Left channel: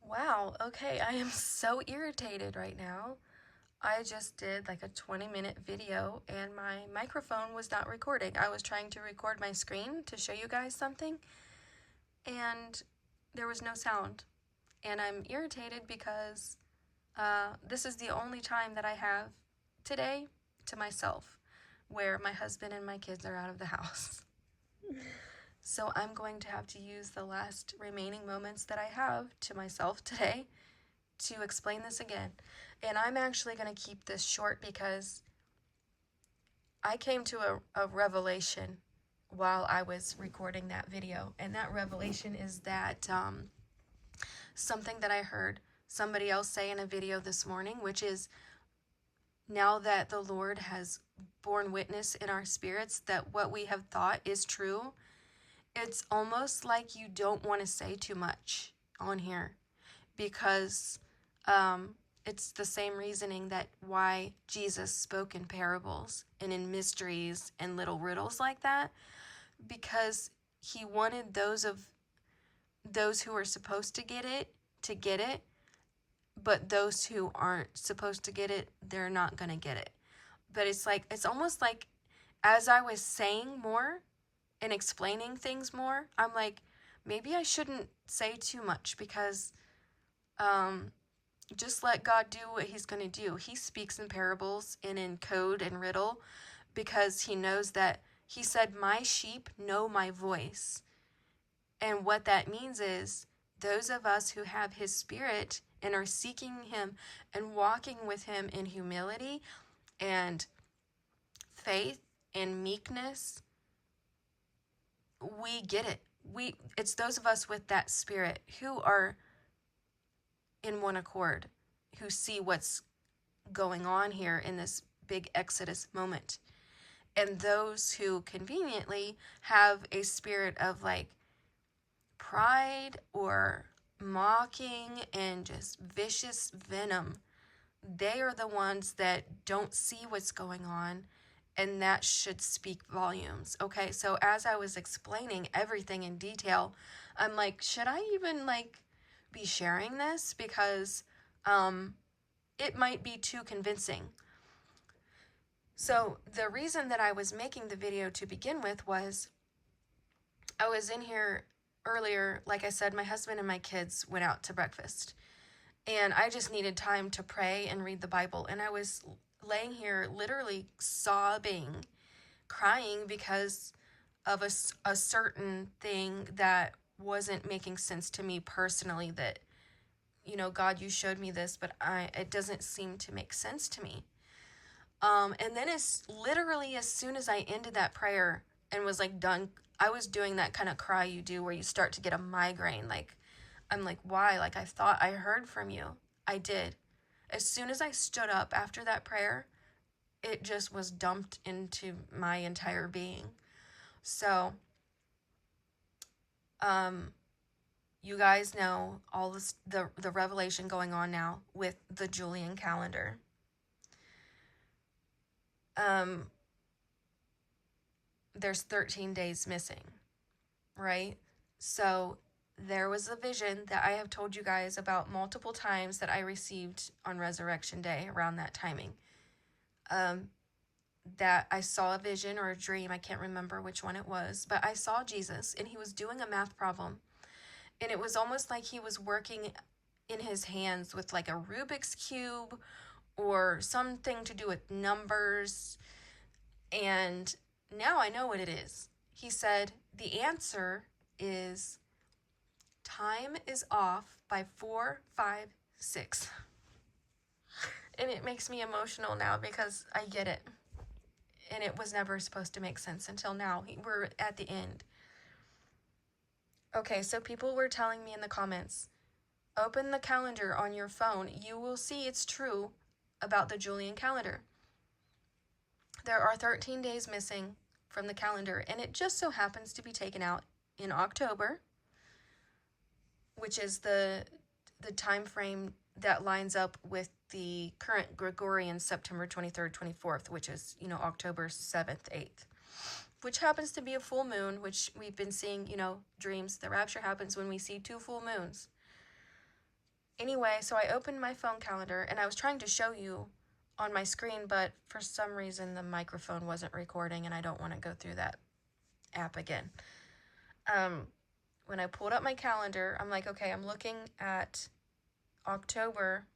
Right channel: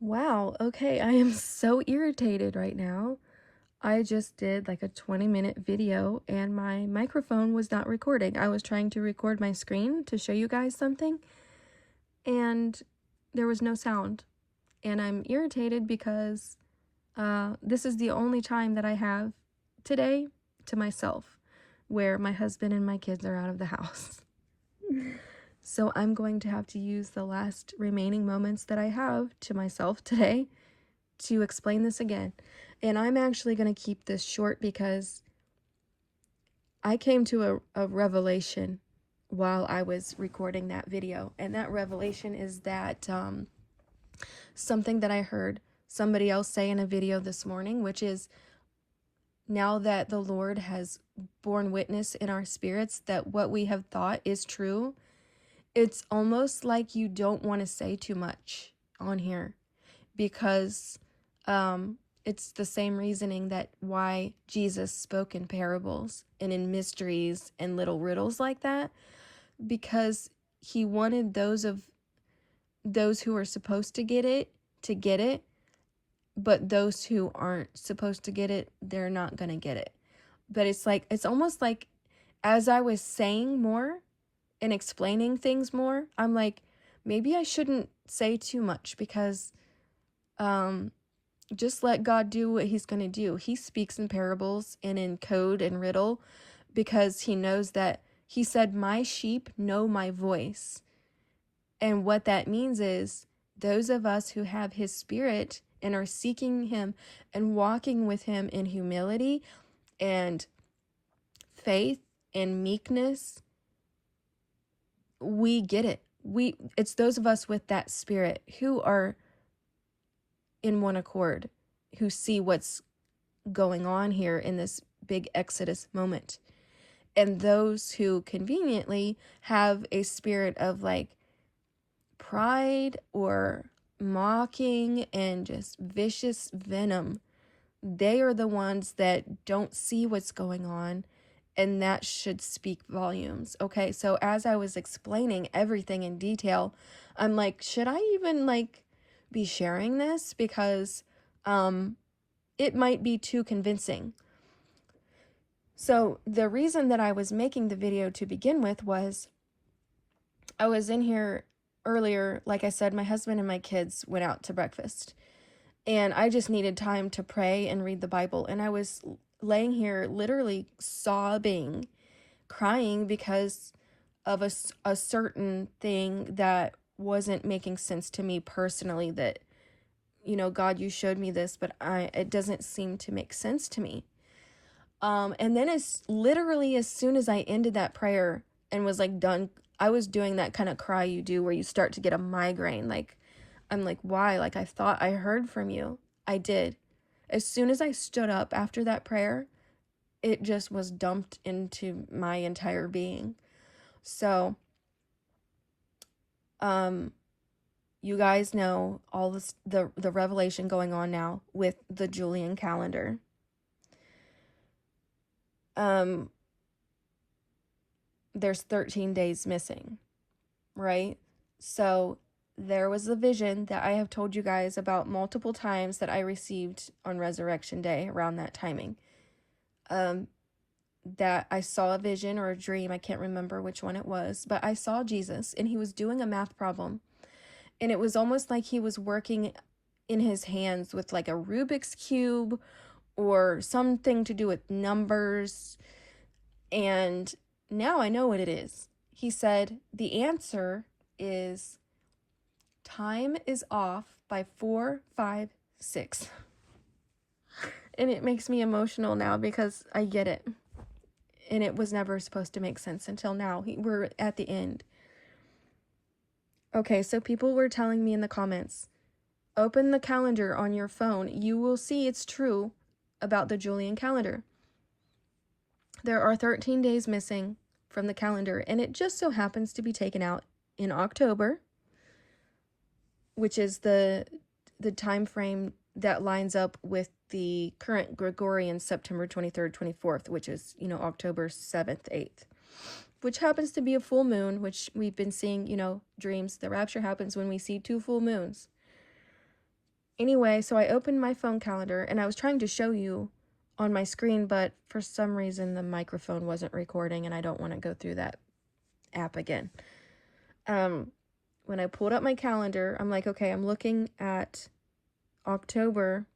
Wow, okay, I am so irritated right now. I just did like a 20-minute video and my microphone was not recording. I was trying to record my screen to show you guys something and there was no sound. And I'm irritated because this is the only time that I have today to myself where my husband and my kids are out of the house. So I'm going to have to use the last remaining moments that I have to myself today to explain this again. And I'm actually going to keep this short because I came to a revelation while I was recording that video. And that revelation is that something that I heard somebody else say in a video this morning, which is now that the Lord has borne witness in our spirits that what we have thought is true, it's almost like you don't want to say too much on here because it's the same reasoning that why Jesus spoke in parables and in mysteries and little riddles like that, because he wanted those who are supposed to get it, but those who aren't supposed to get it, they're not going to get it. But it's almost like as I was saying more and explaining things more, I'm like, maybe I shouldn't say too much because just let God do what he's going to do. He speaks in parables and in code and riddle because he knows that he said, my sheep know my voice. And what that means is those of us who have his spirit and are seeking him and walking with him in humility and faith and meekness, we get it. It's those of us with that spirit who are in one accord, who see what's going on here in this big Exodus moment. And those who conveniently have a spirit of like pride or mocking and just vicious venom, they are the ones that don't see what's going on, and that should speak volumes. Okay, so as I was explaining everything in detail, I'm like, should I even like be sharing this? Because it might be too convincing. So the reason that I was making the video to begin with was I was in here earlier, like I said, my husband and my kids went out to breakfast. And I just needed time to pray and read the Bible. And I was laying here literally sobbing, crying because of a certain thing that wasn't making sense to me personally, that, you know, God, you showed me this, but it doesn't seem to make sense to me. And then as literally as soon as I ended that prayer and was like done, I was doing that kind of cry you do where you start to get a migraine. Like, I'm like, why? Like, I thought I heard from you. I did. As soon as I stood up after that prayer, it just was dumped into my entire being. So, you guys know all this, the revelation going on now with the Julian calendar. There's 13 days missing, right? So there was a vision that I have told you guys about multiple times that I received on Resurrection Day around that timing. That I saw a vision or a dream, I can't remember which one it was, but I saw Jesus and he was doing a math problem. And it was almost like he was working in his hands with like a Rubik's Cube or something to do with numbers. And now I know what it is. He said the answer is time is off by 4, 5, 6. And it makes me emotional now because I get it. And it was never supposed to make sense until now. We're at the end. Okay, so people were telling me in the comments, open the calendar on your phone. You will see it's true about the Julian calendar. There are 13 days missing from the calendar, and it just so happens to be taken out in October, which is the time frame that lines up with the current Gregorian September 23rd, 24th, which is, you know, October 7th, 8th, which happens to be a full moon, which we've been seeing, you know, dreams. The rapture happens when we see 2 full moons. Anyway, so I opened my phone calendar and I was trying to show you on my screen, but for some reason the microphone wasn't recording and I don't want to go through that app again. When I pulled up my calendar, I'm like, okay, I'm looking at October,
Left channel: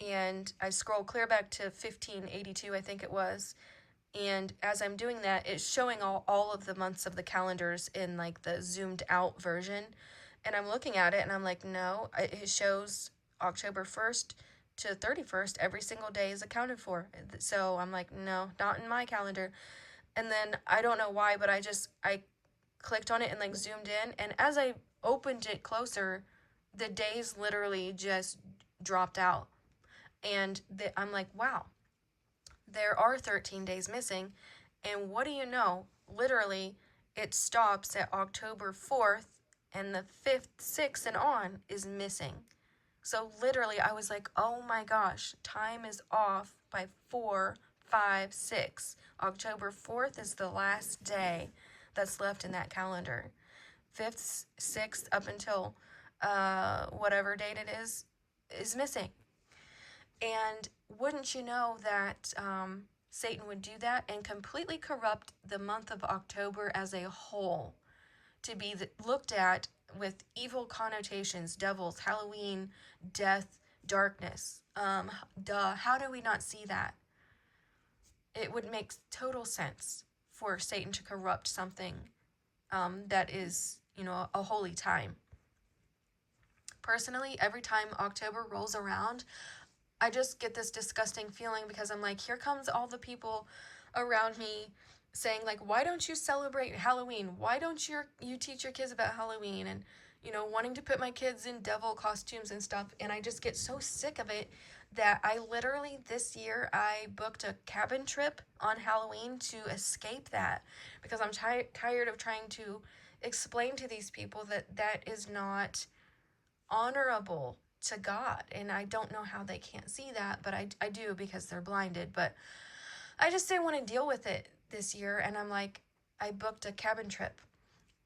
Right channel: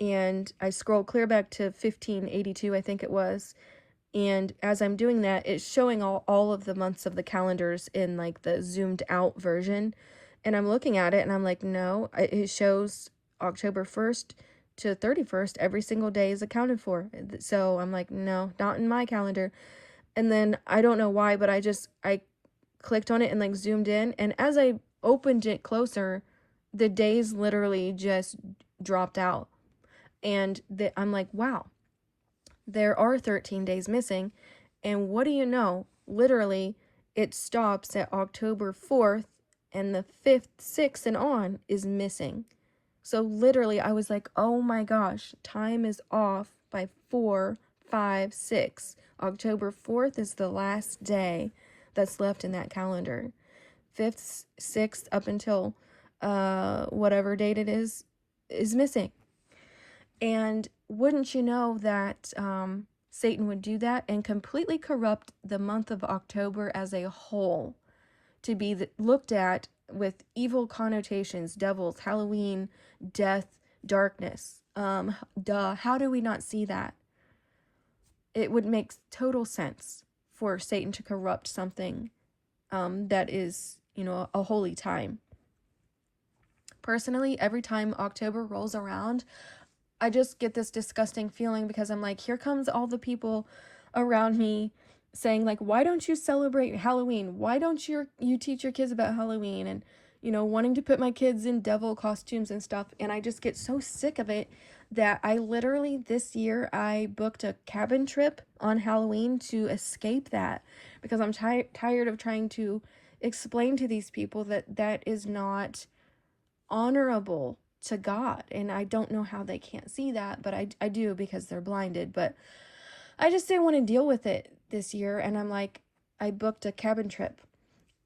and I scroll clear back to 1582, I think it was. And as I'm doing that, it's showing all of the months of the calendars in like the zoomed out version. And I'm looking at it and I'm like, no, it shows October 1st to 31st. Every single day is accounted for. So I'm like, no, not in my calendar. And then I don't know why, but I clicked on it and like zoomed in. And as I opened it closer, the days literally just dropped out. And I'm like, wow, there are 13 days missing. And what do you know? Literally, it stops at October 4th, and the 5th, 6th, and on is missing. So literally, I was like, oh my gosh, time is off by 4, 5, 6. October 4th is the last day that's left in that calendar. 5th, 6th, up until whatever date it is missing. And wouldn't you know that Satan would do that and completely corrupt the month of October as a whole to be looked at with evil connotations, devils, Halloween, death, darkness. How do we not see that? It would make total sense for Satan to corrupt something that is, a holy time. Personally, every time October rolls around, I just get this disgusting feeling because I'm like, here comes all the people around me saying like, why don't you celebrate Halloween? Why don't you teach your kids about Halloween? And, wanting to put my kids in devil costumes and stuff. And I just get so sick of it that I literally this year, I booked a cabin trip on Halloween to escape that because I'm tired of trying to explain to these people that is not honorable to God. And I don't know how they can't see that, but I do because they're blinded. But I just didn't want to deal with it this year. And I'm like, I booked a cabin trip,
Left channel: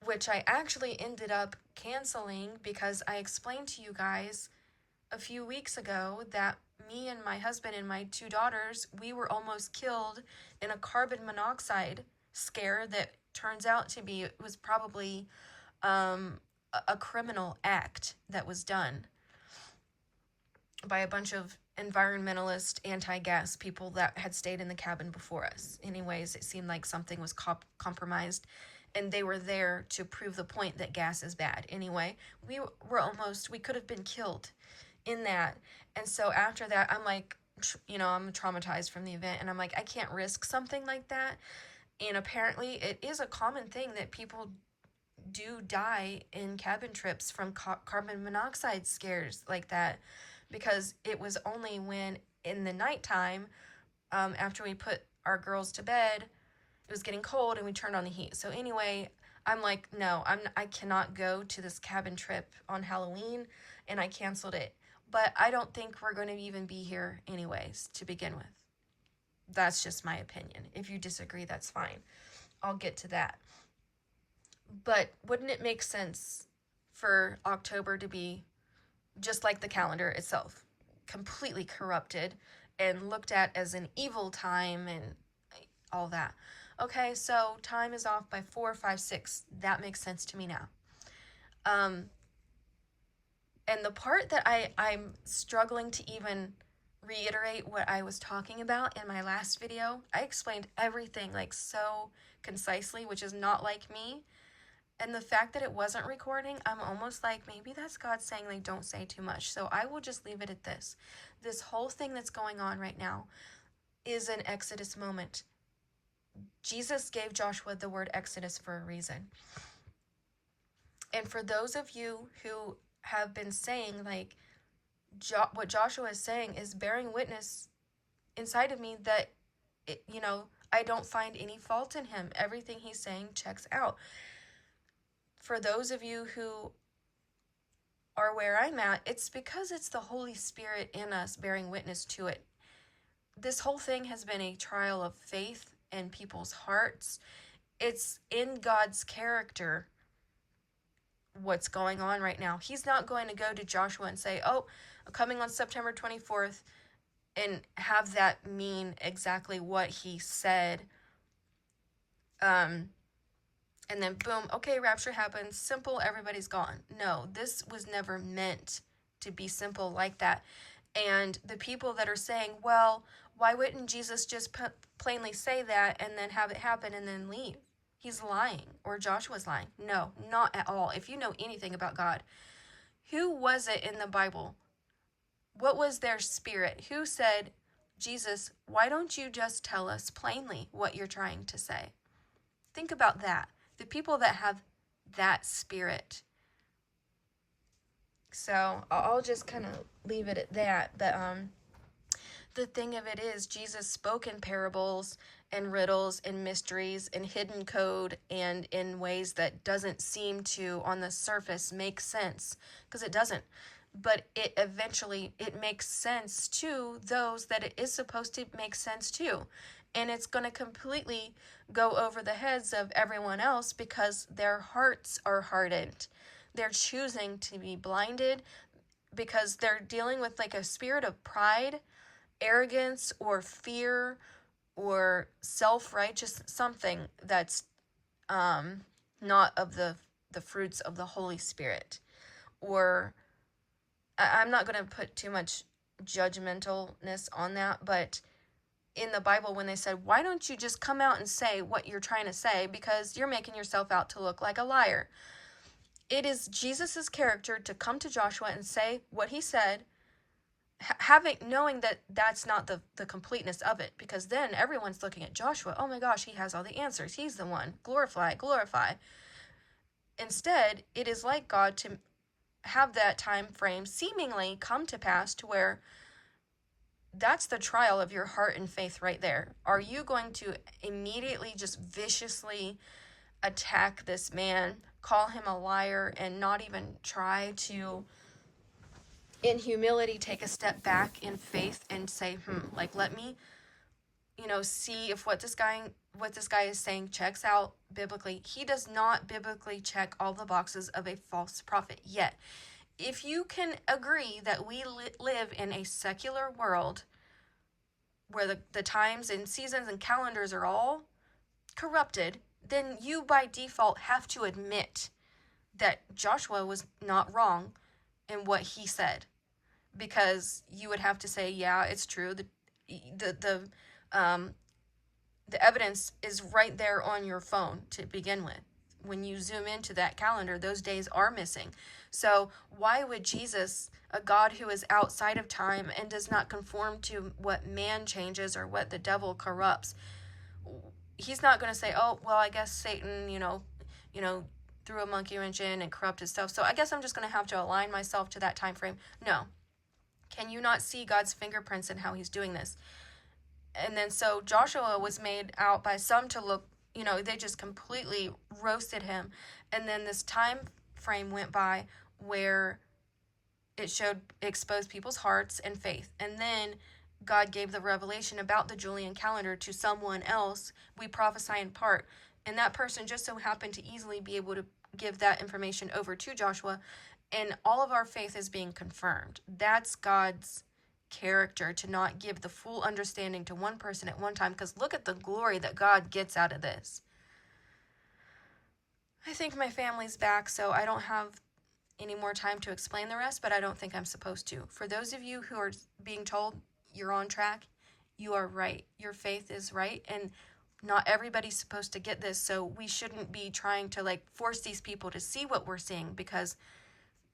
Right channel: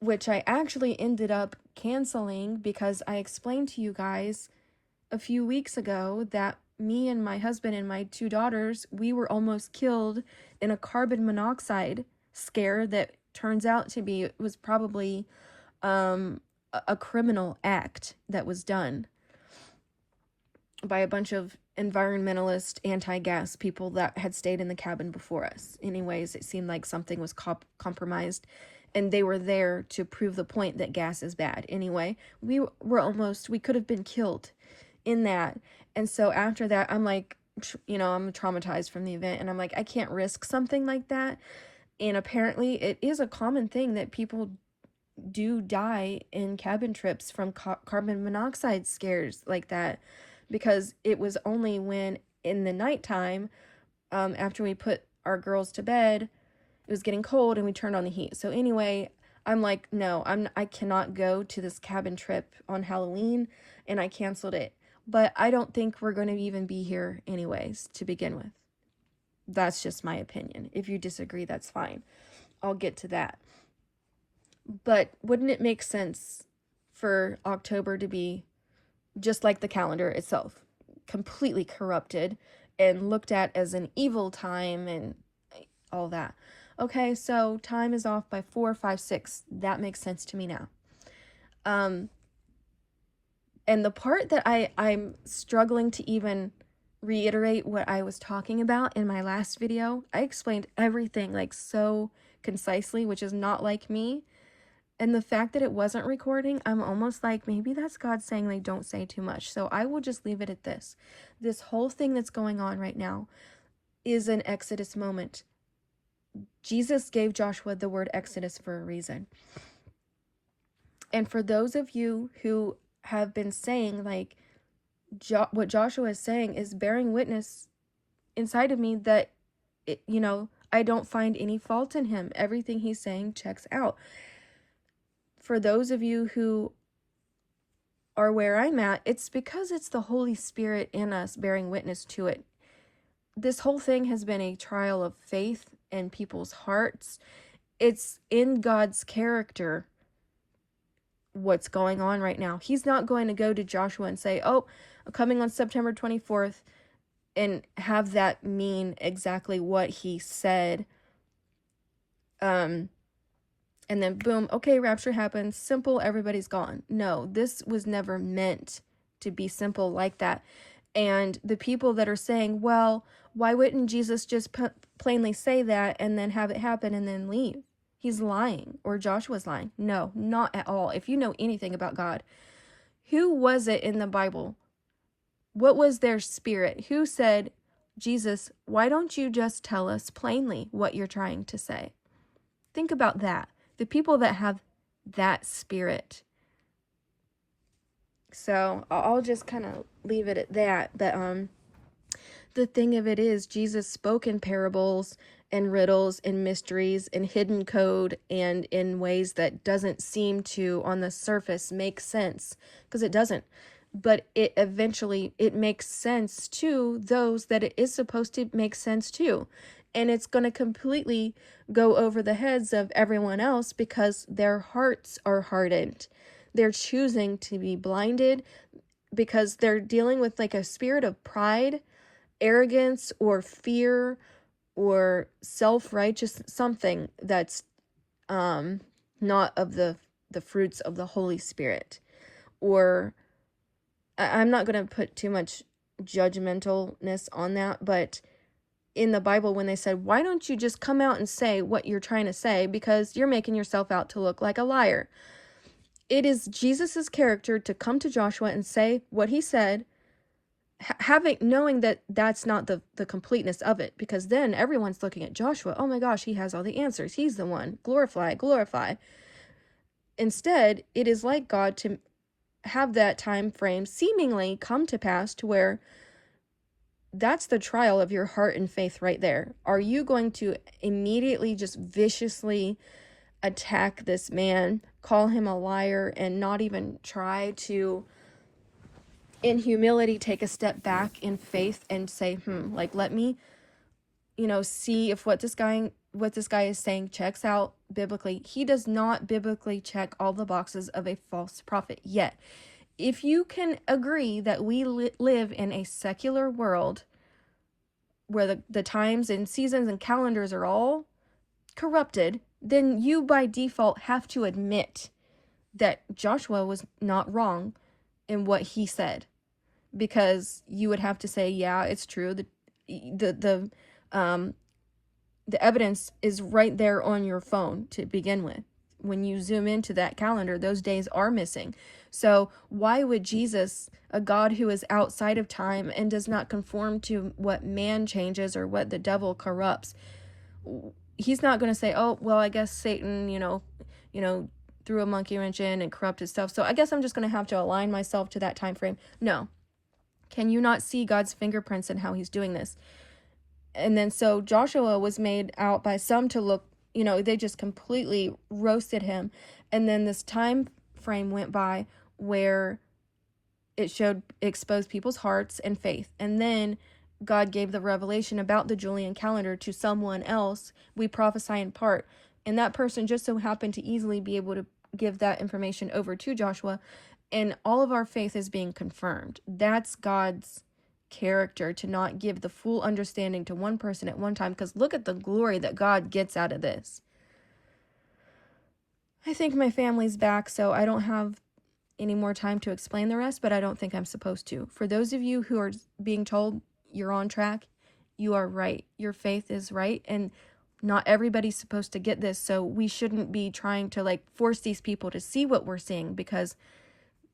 which I actually ended up canceling because I explained to you guys a few weeks ago that me and my husband and my 2 daughters, we were almost killed in a carbon monoxide scare that turns out to be, it was probably a criminal act that was done by a bunch of environmentalist anti-gas people that had stayed in the cabin before us. Anyways, it seemed like something was compromised, and they were there to prove the point that gas is bad. Anyway, we could have been killed in that. And so after that, I'm like, I'm traumatized from the event, and I'm like, I can't risk something like that. And apparently it is a common thing that people do die in cabin trips from carbon monoxide scares like that, because it was only when in the nighttime, after we put our girls to bed, it was getting cold and we turned on the heat. So anyway, I'm like, no, I cannot go to this cabin trip on Halloween, and I canceled it. But I don't think we're going to even be here anyways to begin with. That's just my opinion. If you disagree, that's fine. I'll get to that. But wouldn't it make sense for October to be just like the calendar itself, completely corrupted and looked at as an evil time and all that? Okay, so time is off by 4, 5, 6. That makes sense to me now. And the part that I'm struggling to even reiterate what I was talking about in my last video, I explained everything like so concisely, which is not like me. And the fact that it wasn't recording, I'm almost like, maybe that's God saying, like, don't say too much. So I will just leave it at this. This whole thing that's going on right now is an Exodus moment. Jesus gave Joshua the word Exodus for a reason. And for those of you who have been saying, like, what Joshua is saying is bearing witness inside of me that, I don't find any fault in him. Everything he's saying checks out. For those of you who are where I'm at, it's because it's the Holy Spirit in us bearing witness to it. This whole thing has been a trial of faith in people's hearts. It's in God's character what's going on right now. He's not going to go to Joshua and say, oh, coming on September 24th, and have that mean exactly what he said. And then boom, okay, rapture happens, simple, everybody's gone. No, this was never meant to be simple like that. And the people that are saying, well, why wouldn't Jesus just plainly say that and then have it happen and then leave? He's lying, or Joshua's lying. No, not at all. If you know anything about God, who was it in the Bible? What was their spirit? Who said, Jesus, why don't you just tell us plainly what you're trying to say? Think about that. The people that have that spirit. So I'll just kind of leave it at that. But the thing of it is, Jesus spoke in parables and riddles and mysteries and hidden code and in ways that doesn't seem to, on the surface, make sense, because it doesn't. But it makes sense to those that it is supposed to make sense to. And it's going to completely go over the heads of everyone else because their hearts are hardened. They're choosing to be blinded because they're dealing with like a spirit of pride, arrogance, or fear, or self-righteous, something that's not of the fruits of the Holy Spirit. Or I'm not going to put too much judgmentalness on that, but in the Bible, when they said, why don't you just come out and say what you're trying to say, because you're making yourself out to look like a liar. It is Jesus's character to come to Joshua and say what he said, knowing that that's not the completeness of it, because then everyone's looking at Joshua. Oh my gosh, he has all the answers. He's the one. Glorify, glorify. Instead, it is like God to have that time frame seemingly come to pass to where that's the trial of your heart and faith right there. Are you going to immediately just viciously attack this man, call him a liar, and not even try to, in humility, take a step back in faith and say, let me, see if what this guy is saying checks out biblically. He does not biblically check all the boxes of a false prophet yet. If you can agree that we live in a secular world where the times and seasons and calendars are all corrupted, then you by default have to admit that Joshua was not wrong in what he said, because you would have to say, yeah, it's true. The evidence is right there on your phone to begin with. When you zoom into that calendar, those days are missing. So why would Jesus, a God who is outside of time and does not conform to what man changes or what the devil corrupts, he's not going to say, oh, well, I guess Satan, threw a monkey wrench in and corrupted stuff, so I guess I'm just going to have to align myself to that time frame. No. Can you not see God's fingerprints in how he's doing this? And then so Joshua was made out by some to look, they just completely roasted him. And then this time frame went by where it exposed people's hearts and faith. And then God gave the revelation about the Julian calendar to someone else. We prophesy in part. And that person just so happened to easily be able to give that information over to Joshua. And all of our faith is being confirmed. That's God's character, to not give the full understanding to one person at one time, because look at the glory that God gets out of this. I think my family's back, so I don't have any more time to explain the rest, but I don't think I'm supposed to. For those of you who are being told you're on track, you are right. Your faith is right, and not everybody's supposed to get this, so we shouldn't be trying to force these people to see what we're seeing, because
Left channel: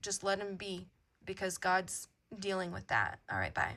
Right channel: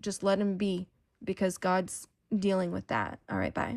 just let them be, because God's dealing with that. All right, bye.